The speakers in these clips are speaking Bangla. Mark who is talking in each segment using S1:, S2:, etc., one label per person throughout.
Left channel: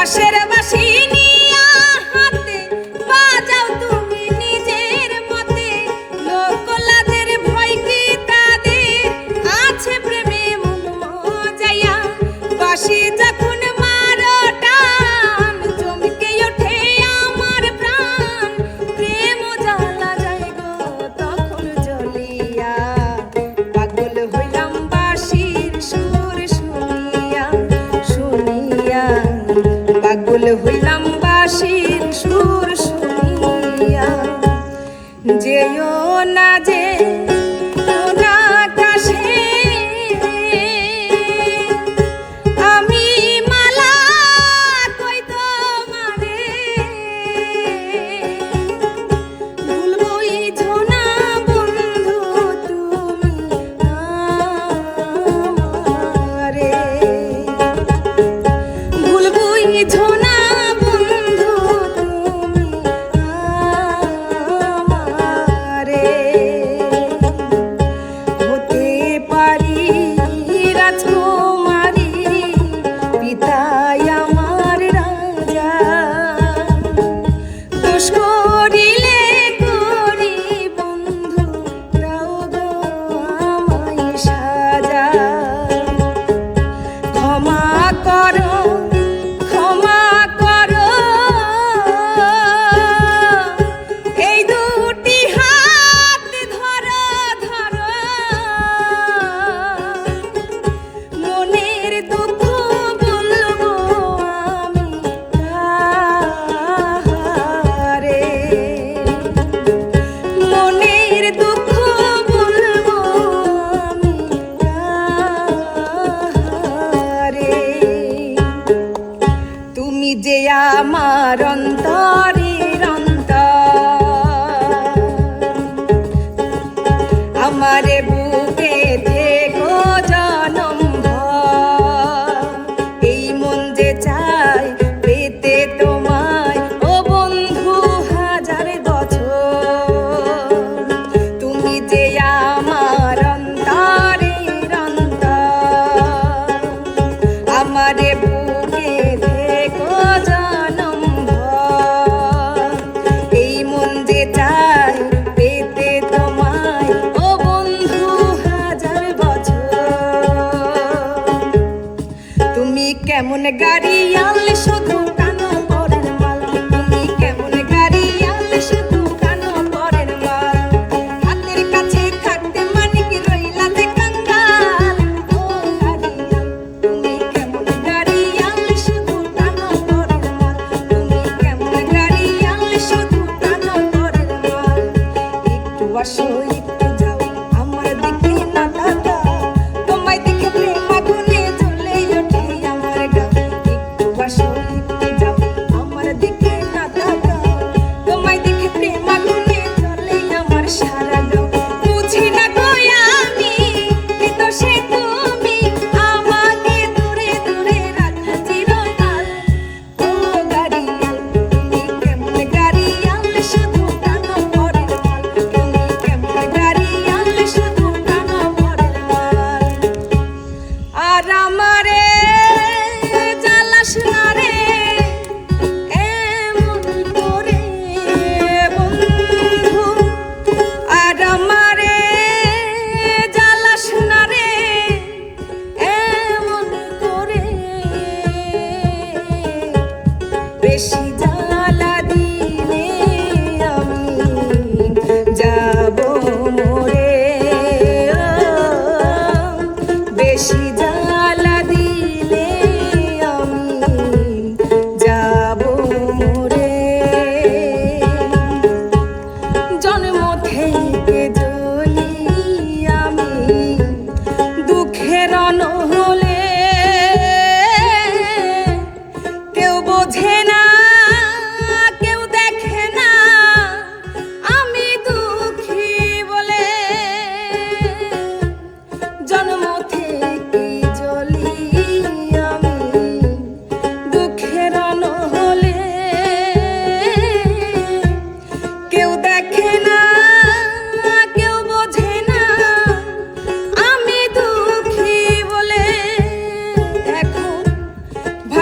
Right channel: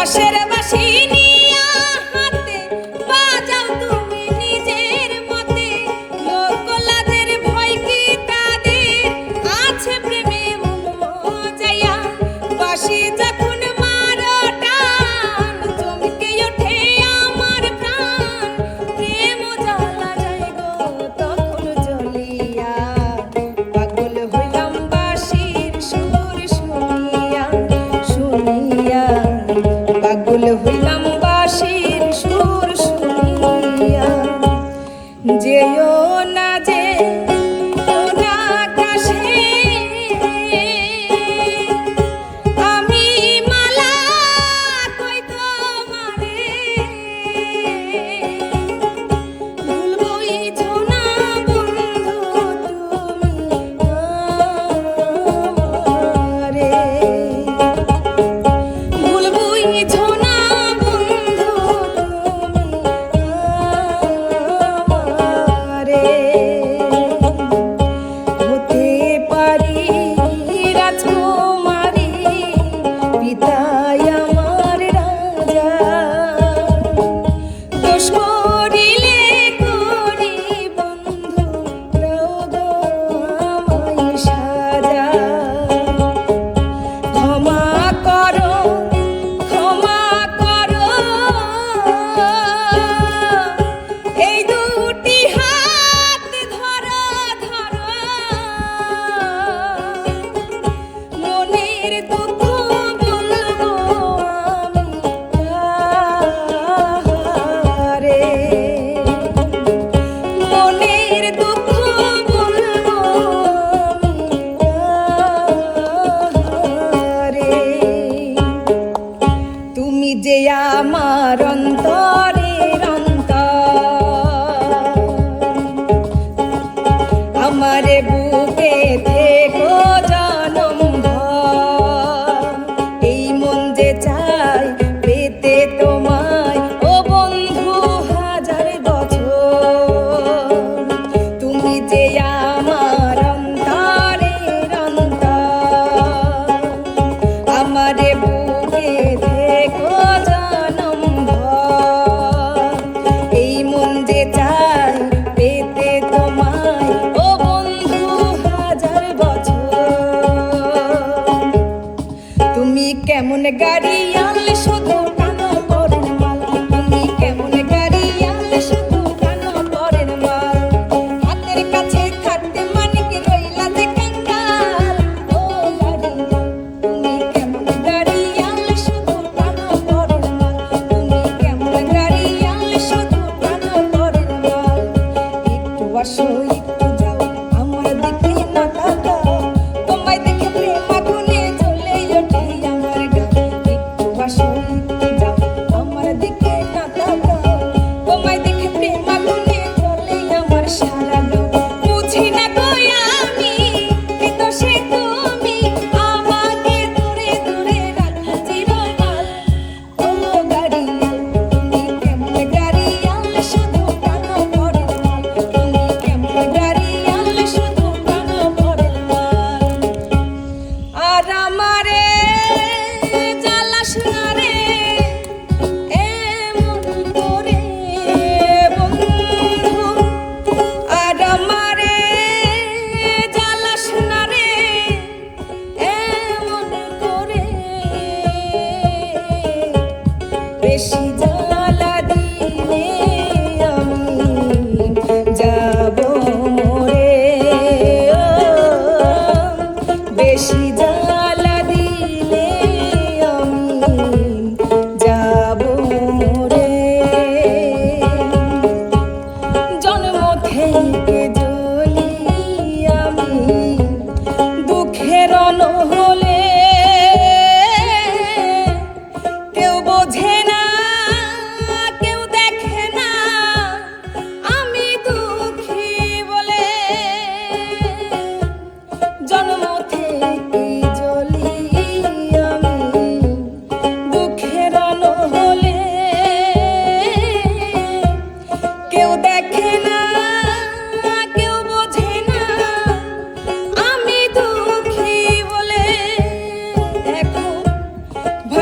S1: I Pacheco. আমারে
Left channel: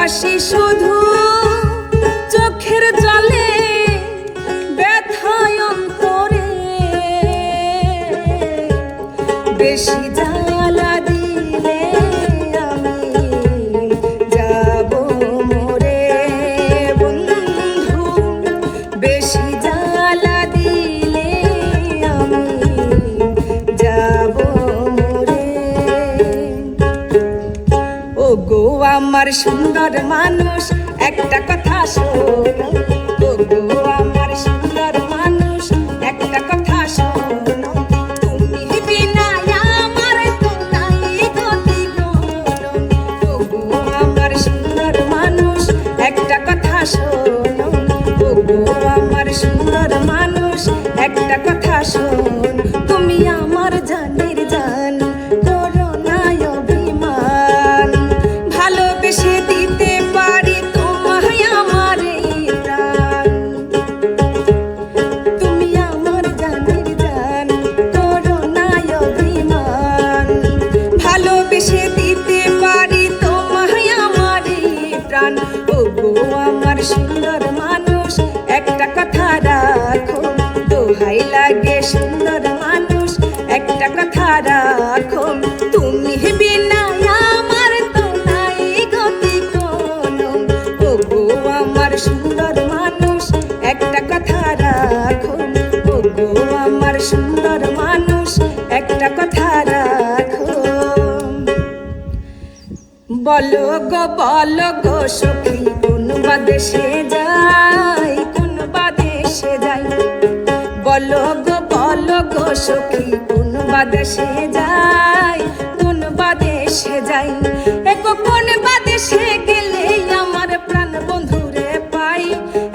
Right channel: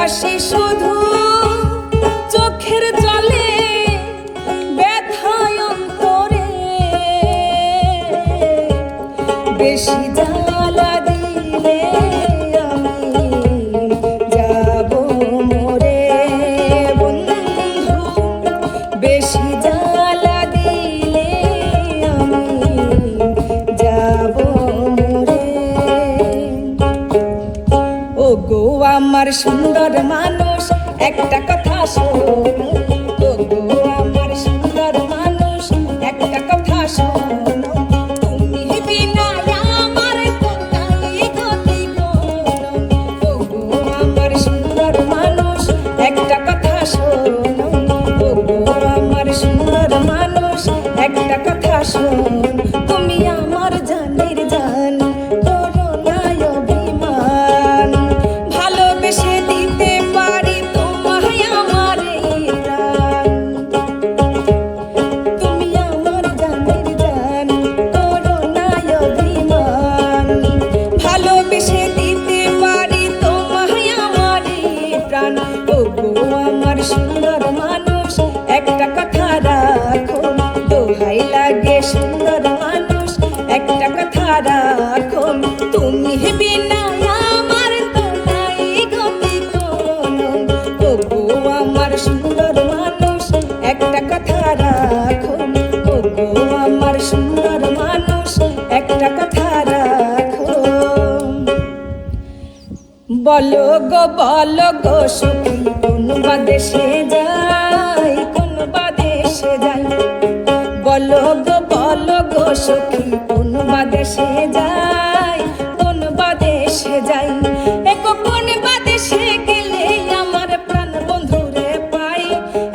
S1: 谁说的 ও গো ভাই লাগে সুন্দর মানুষ, একটা কথা রাখো, তুমি আমার তো নাই গতি কোনো। আমার সুন্দর মানুষ, একটা কথা রাখো, তবু আমার সুন্দর মানুষ, একটা কথা রাখো। বলো গো বলো গো, সখী বাদেশে সে বাদেশে যাই, কোন বাদেশে যাই? একো কোন বাদেশে গেলে আমার প্রাণ বন্ধুরে পাই?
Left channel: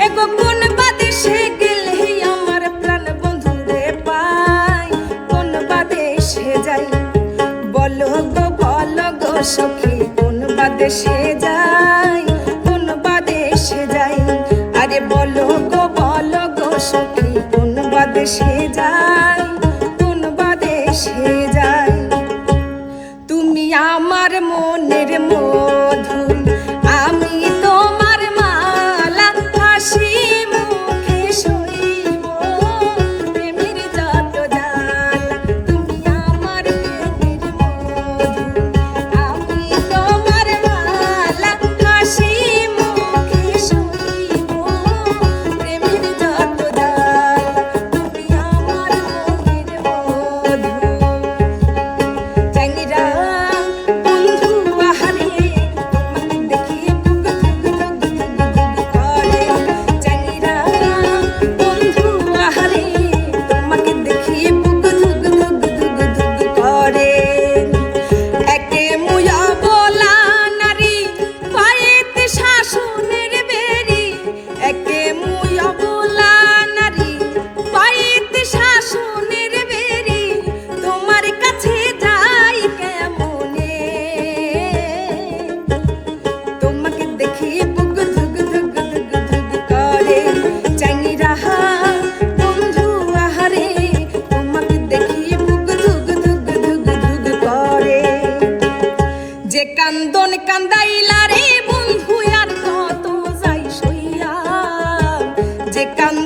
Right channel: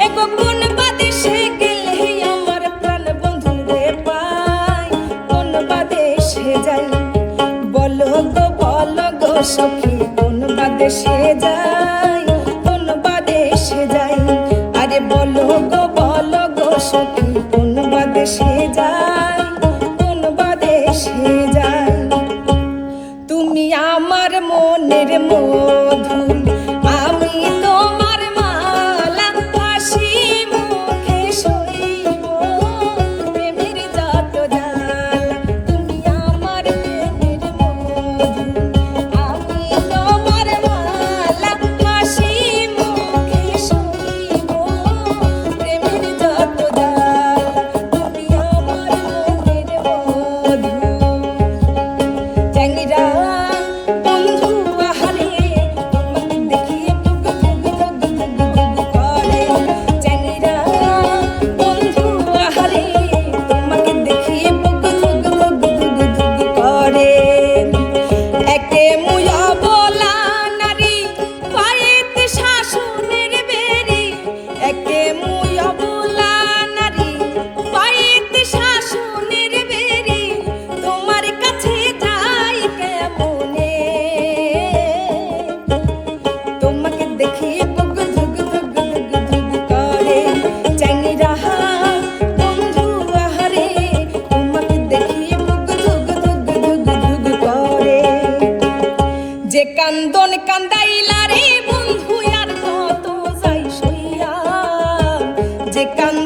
S1: একো কোন বাদেশে গেলে আমার প্রাণ বন্ধুরে পাই? কোন বাদেশে যাই? বলো গো বলো গো সখী, কোন বাদেশে যাই? কোন বাদেশে যাই? আরে বলো গো বলো গো সখী, কোন dictando.